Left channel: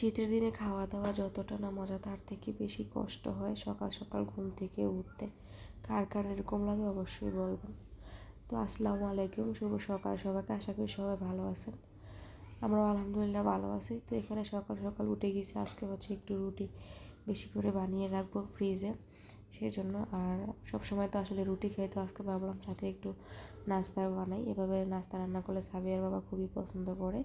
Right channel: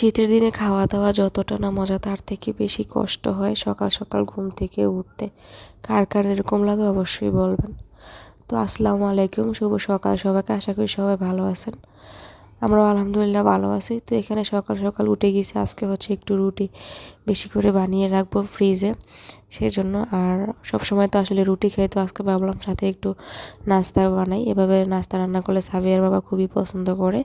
শীতের দিনে খাওয়া দাওয়া যতটা না মজা, তার থেকে বেশি কষ্ট হয় সকাল সকাল ঘুম থেকে উঠতে। কার কার এরকম লাগে অবশ্যই বলবেন। তো আসসালামু আলাইকুম, শুভ সকাল সবাইকে, আশা করি সবাই ভালো আছেন। আমরাও আলহামদুলিল্লাহ ভালো আছি। তো এখানে সকাল সকাল উঠে গেছি, আজকে হচ্ছে একটু রুটি বেশি করে বানিয়ে রাখব ফ্রিজে সেই জন্য আর সব সময় তো আসলে রুটি খাই, তো আজকে ভাবলাম সাথে একটু নাস্তা বানাই। এভাবে নাস্তা রান্না করলে সাবিয়ার বাবা খুবই পছন্দ করে।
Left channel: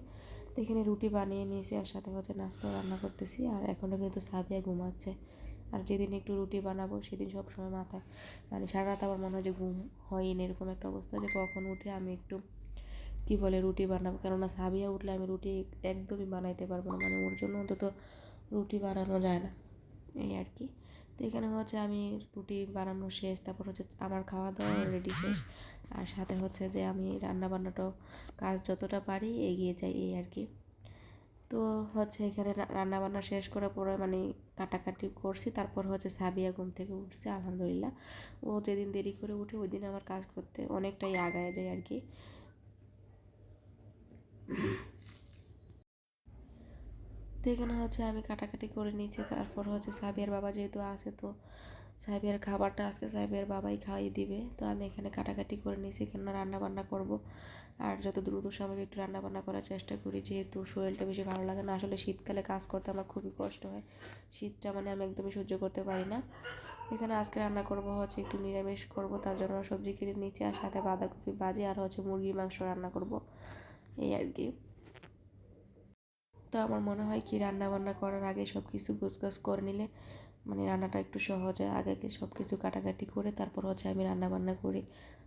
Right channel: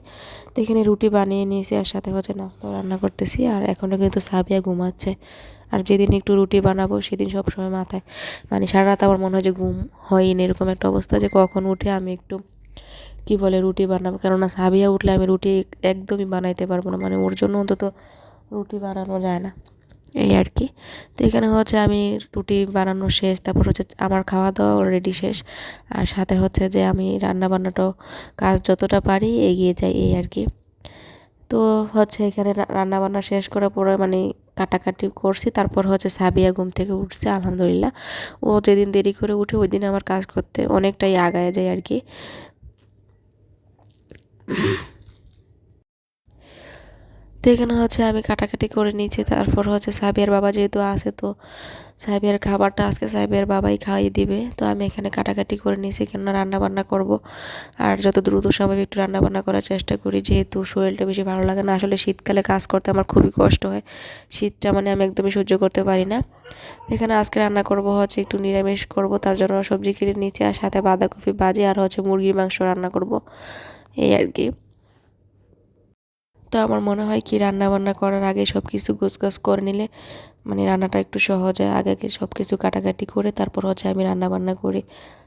তো এখানে রুটি বানিয়ে নিয়েছি আর সাথে হচ্ছে নাস্তা রান্না করতেছি। আর এখনও কিন্তু সাবিয়া ঘুমাচ্ছে। আর যেদিন একটু রুটি বানাবো, সেদিন সব সময় মাথায় মানে সারা রাত আমার মনে হয় যে ঘুম হয়নি, এরকম একটা অবস্থা যে কখন উঠে আমি একটু কি বলে রুটি বানাবো? কেননা সাবিয়া উঠলে আমি রুটি একদমই বানাইতে পারব না। মানে ওর জন্য অন্তত রুটি বানানো যায় না। এই আর কি। তো এখানে হচ্ছে আমি রুটি বানানো শেষ, তারপর হচ্ছে আমার খাওয়া দাওয়া অলরেডি শেষ। আর সাথে হচ্ছে যে আমি রান্না বান্নাটাও কাজ যতটা পারি এগিয়ে যাই, এই আর কি। তো হচ্ছে এখানে রান্না বান্না শেষ করার পরে মানে কাটাকাটি করছি, তারপর হচ্ছে সাবিয়া ঘুম থেকে উঠছে, আলহামদুলিল্লাহ। ও যেদিন দেরি করে উঠে ওই দিন আমার কাজ করতে অনেকটাই আগায় যায় আর কি। তো এখানে হচ্ছে, আমি কাটাকাটি করে নিয়েছি। তারপর হচ্ছে সাবিয়ার বাবা যেহেতু আছে, তো সাহেবের খাবারটা আজকে সাহেবের বাবাই খাইয়ে দিবে। তো আমি এখানে কাটাকাটি করে নিয়েছি, কেননা রান্না বান্না করব। আর যত দ্রুত সম্ভব একটু রান্না বান্না করার চেষ্টা করি, যেহেতু শরীরটা বেশি ভালো লাগে না। আসলে শীতকালে কাজ করতে আমার খুবই কষ্ট হয়। শীতটা মানে আমি একদমই সহ্য করতে পারি না। এখানে আজকে রান্না করব হচ্ছে একটু নিরামিষ করব, তার জন্য সবজি কেটে নিচে আর সাথে বাঁধাকপি বাজে আর হচ্ছে মুরগির মাংস রান্না করব। এই আর কি। তো আমার মনে হয় কি রান্না বান্না করার আগে সব কিছু গোছগাছ করে নিলে মানে রান্নাটা একটু সহজ হয়। আগে আগে সব কিছু কাটাকাটি করে তারপর হচ্ছে আমি রান্না বান্না করি।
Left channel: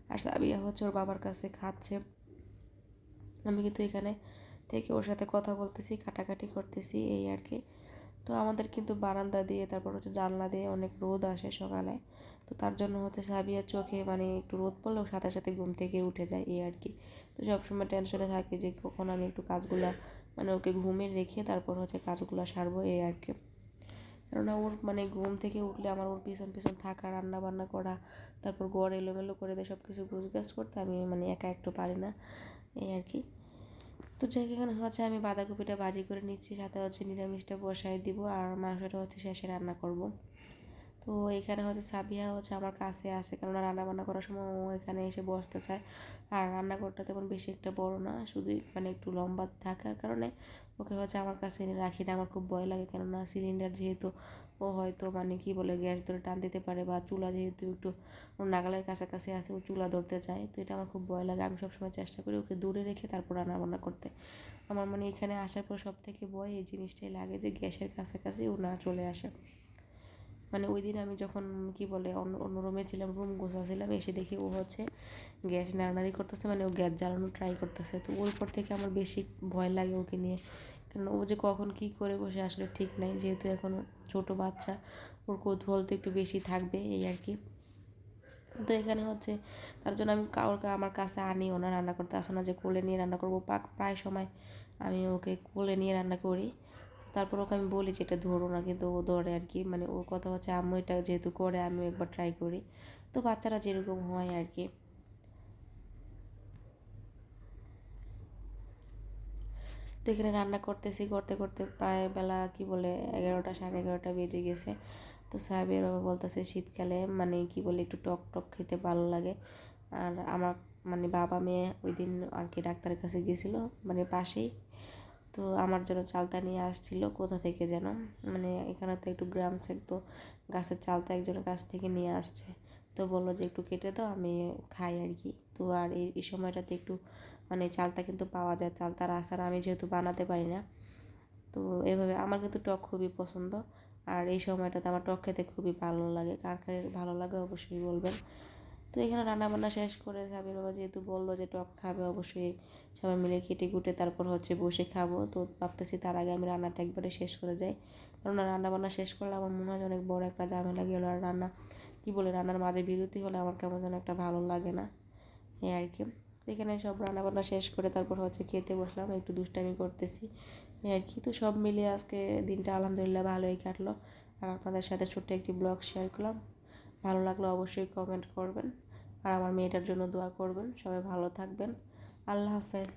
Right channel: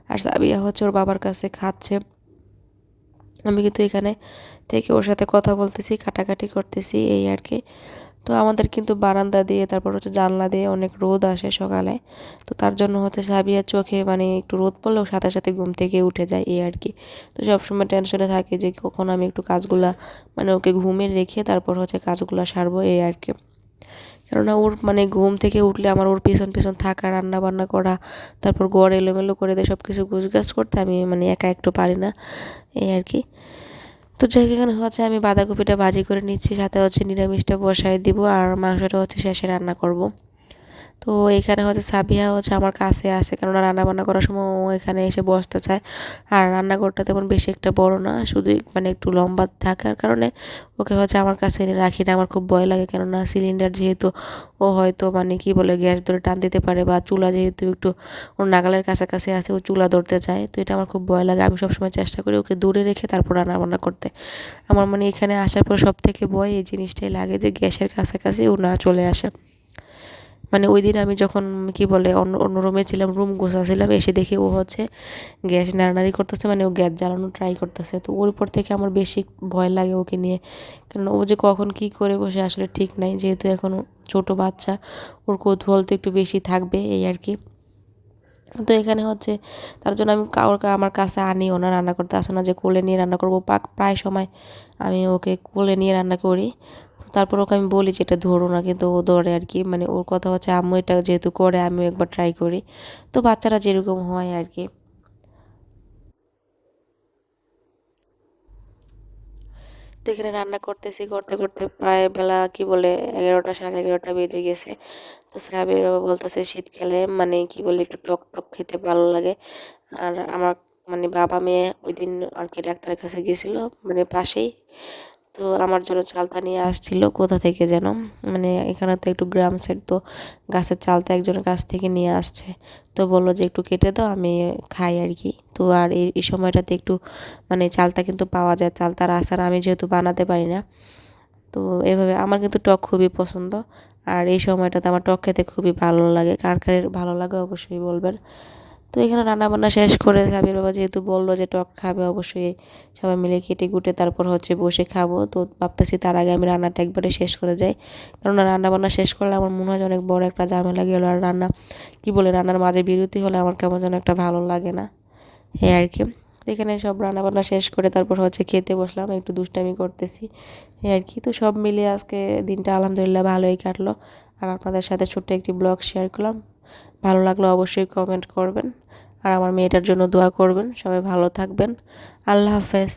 আর সাবিয়া হচ্ছে ওর বাবার কাছে খাচ্ছে। আমি কিন্তু এখানে থেকে ওর সাথে কথা বলতেছি, কাটাকাটি করতেছি, এই আর কি। তো আমাদের কিন্তু বারান্দা দিয়ে, তারপর হচ্ছে জানলা দিয়ে অনেক রোদ আসে সকালে। তো তার জন্য হচ্ছে সাবিয়ার চোখে মানে একটু রোদ পড়লেও সাথে সাথে ঘুম থেকে উঠে যায় এই আর কি। তো সবসময় টেনশনে থাকে যে কখন আমি একটু কাজগুলা মানে ওকে ঘুমে রেখে তারপর হচ্ছে কাজগুলো সারবো এই আর কি। কেননা ওর মানে ঘুম থেকে উঠলে আমার ওর পেছন পেছন থাকা রান্না বান্না করা, তারপর গড় এলোমেলো করে দেয় সব কিছু গুছগাছ করতে আমি মানে একা একটু পারি না, এই আর কি। তো যেখানে হচ্ছে আমি বাঁধাকপিটা ভাজি করে নিচ্ছি, সাথে হচ্ছে নিরামিষটা বসায় দিব আর মাংসটা হচ্ছে শেষে রান্না করব। তো এখানে হচ্ছে সাবিয়া হচ্ছে আমার কাছে আসে কেননা রান্না বান্না করার সময় ও এখানে এসে বসতে চায়। আর রান্নাঘরটা তেমন বেশি একটা বড় না, শুধু মানে একটু লম্বা থাকার কারণে ওকে হচ্ছে আমার কাছে এনে রাখি না, আমার খুব ভয় লাগে কেননা সিলিন্ডার যেহেতু ও হয়তো মানে কি বলে গ্যাস ধরে টান দিতে পারে বা চুলা যেহেতু একটু ওর নাগালের কাছাকাছি আছে, ও চুলা ধরতে চায়, তো এটা আমার খুব ভয় লাগে। আমি সবসময় চেষ্টা করি ওকে দূরে রেখে তারপর রান্না বান্না করতে। আমার মানে এখানে আসার পর সব থেকে ভয় এই জিনিসটাই লাগে যে গ্যাসের কাছাকাছি ও না চলে আসে। মানে ওই দিন আমি যখন কি বলে অন্য অন্য রুমে ছিলাম রুম গোছাছিলাম এসে দেখি ও হচ্ছে গ্যাস নাড়ানাড়ি করতেছে মানে ও গ্যাস জ্বালানো ট্রাই করতেছে। তো ওর পর থেকে আমার বেশি ভয় লাগে ওকে নিয়ে। কারণ ও যে কখন কি করে বসে আসলে ঠিক নাই, যেহেতু এখন ছোট বাচ্চা, ওর কৌতূহল তো একটু বেশি থাকবে, এই আর কি। তো এখানে হচ্ছে তার জন্য আমি কাউর আমার কাছে আনিও না রান্না করতে আসে না যে কোলে নিয়ে রান্না করব। প্রায় সময় আমি ওকে কোলে নিয়ে রান্না করি। তারপর ওকে আমি বলি যে, এটা ধরো না। কিন্তু ও ধরে আর কি। মানে ওর কথা হচ্ছে, আম্মু এটা যেহেতু করে, আমিও একবার ট্রাই করি। তো বাচ্চারা যেরকম হয় আর কি। তো এখানে রান্না করতেছি, করতে করতে প্রায় বেলা কি বলে, এগারোটা, সাড়ে এগারোটা বেজে গেছে। তো সাহেবের বাবা বলতেছে শীতকালে মানে কি বলে, একটু টক টক খেতে ভালো লাগে। আর আমার মানে বাবা মেয়ে ওই দিন আর কি ডাক্তারের কাছে গেছিল মানে পাশেই। তো আমার জন্য চালতা নিয়ে আসছিল। কোথা থেকে যেন? মানে এখানে তো একটু গ্রাম সাইড তো গাছের চালতা একজনের কাছ থেকে নিয়ে আসছে। তো বলল যে, একটু কেটে দাও, আমি খাই আর কি। তো আর এই সময়টাতে একটু মানে চালতা কিন্তু পাওয়া যায়। চালতার আচার আমি যেহেতু বানাতে পারি না, তো এভাবে আমার কিন্তু টক খুবই পছন্দ। আর এই সময়টাতে আমার টক খেতে খুবই ভালো লাগে। কার কার ভালো লাগে অবশ্যই বলবেন। তো এখানে রান্নাবান্না শেষ করে সাবির বাবা যেহেতু বলল যে টক খাবে, অবশ্যই সবাই মিলে কেটে কুটে তারপর হচ্ছে বসে খাব। তো ভাবতেছি তার আগে আমি রান্নাটা একবারে শেষ করে যাই। কারণ রান্নাবান্না শেষ করলে আমার মনে হয় অনেক বড় একটা ঝামেলা গেল আর রান্না, কি বলে, রান্নার মাঝে বিরতি হলে আমার কেমন যেন একটা ভালো লাগে না। এই আর কি। এখানে সব রান্নাবান্না শেষ করে তারপর হচ্ছে খেতে বসলাম, একটু দুষ্টামি করতেছি। এই আর কি। তো সব মিলিয়ে আজকে দিনটা আলহামদুলিল্লাহ ভালোই কাটলো। আর আপনাদের সাথে ছোট্ট একটি ব্লগ শেয়ার করলাম। ভালো লাগলে অবশ্যই কমেন্ট করবেন। আর আমার মেয়েটার জন্য দোয়া করবেন। সবাই ভালো থাকবেন। আল্লাহ হাফেজ।